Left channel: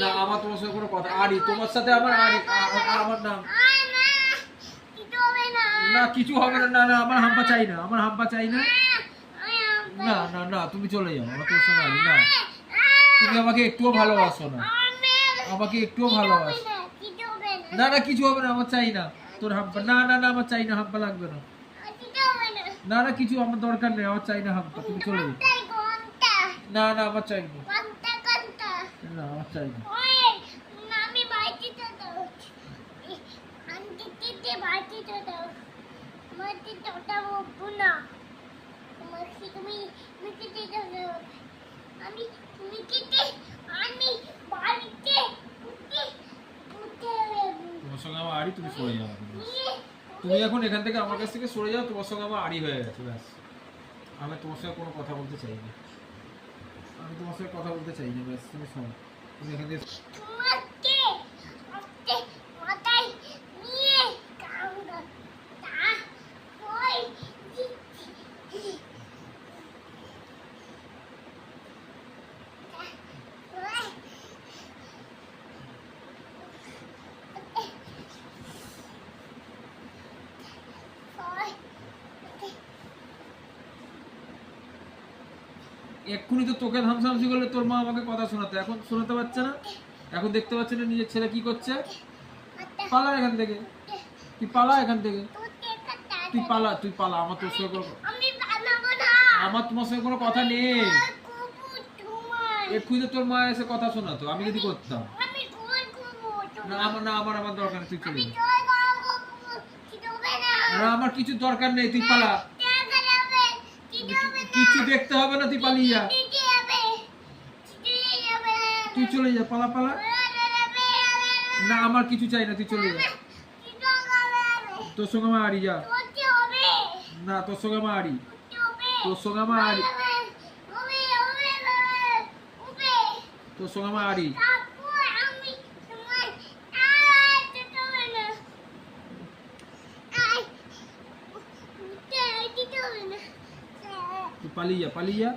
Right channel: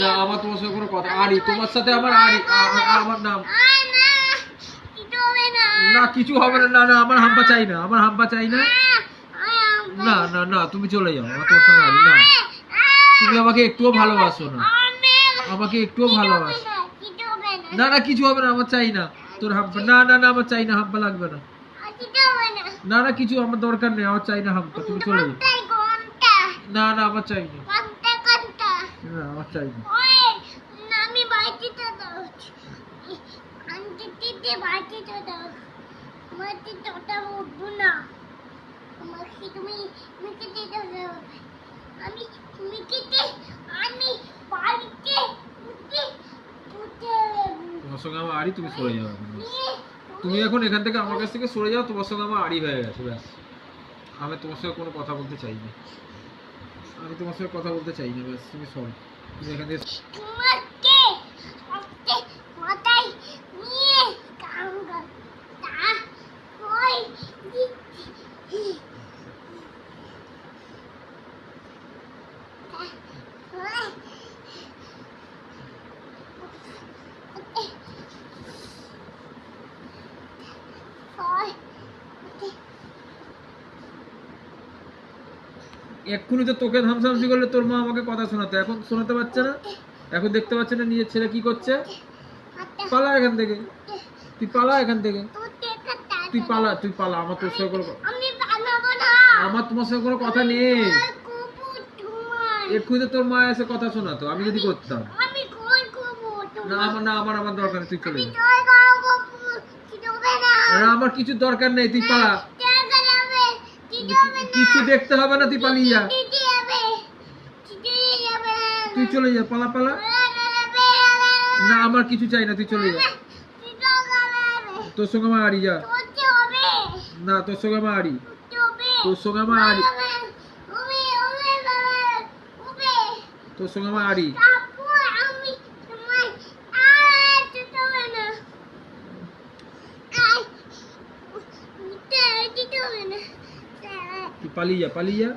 না আমার তোমার সাথে কোনো কথা আড়ি তোমার সাথে আমার আড়ি আমার নাম না কিছু হবে না। না না আমার হাম্পা চাই না, আমার হাম্পা চাই না। না না না তুমি চলে যাও, আমার তোমার সঙ্গে আড়ি না। তুমি আমাকে একটুও ভালোবাসো না, আমাকে একটুও ভালোবাসো না। না কিছু হবে না, আমার চাই না তোর হাম্পা। না না না আমার চাই না, হাম্পা লাগবে না। না না কিছু আমার দরকার নেই, আমার চাই না হাম্পা, তুমি চলে যাও। না না আমার চাই না, না আমার চাই না। তোমার সঙ্গে আমার আড়ি, তুমি সরে যাও এখন। তুমি এখন এখান থেকে আমার কাছ থেকে সরে যাও, তোমার সঙ্গে আমার আড়ি হয়ে গেছে ব্যাস। আমি তোমার সঙ্গে কোনো কথা বলতে চাই না, আমি তোমার সঙ্গে কথা বলতে চাই না ব্যাস। তুমি সরো, তুমি এখান থেকে এক্ষুনি তো তোকে ধামসামসি করলে তোর মা আমাকে কথা শোনাতো, এখন শোনাতে পারছে না। এখন দেখতে পাচ্ছে না নিজের ছেলে কি করছে। পালা এখান থেকে, তুই পালা এখান থেকে, তুই পালা, তুই পালা। আমার তোর সঙ্গে কোনো আমার তোমার সঙ্গে কোনো কথা নেই। এক্ষুনি তো তোর মা এসে কথা শোনাতো, আমি যদি করতাম। না আমার না আমার আমার দরকার নেই, তুই চলে যা। না আমার কিছু দরকার নেই, তুই পালা। কিছু দেখতে হবে না, তুই পালিয়ে যা, তুই চলে যা, পালা পালা। না আমার কিছু চাই না, তুই চলে যা। তোর সঙ্গে আমার আড়ি, যা। না তোর সঙ্গে আমার আড়ি, তোর সঙ্গে আমার আড়ি, তোর সঙ্গে আমার আড়ি। তুই পালিয়ে যা, পালিয়ে যা।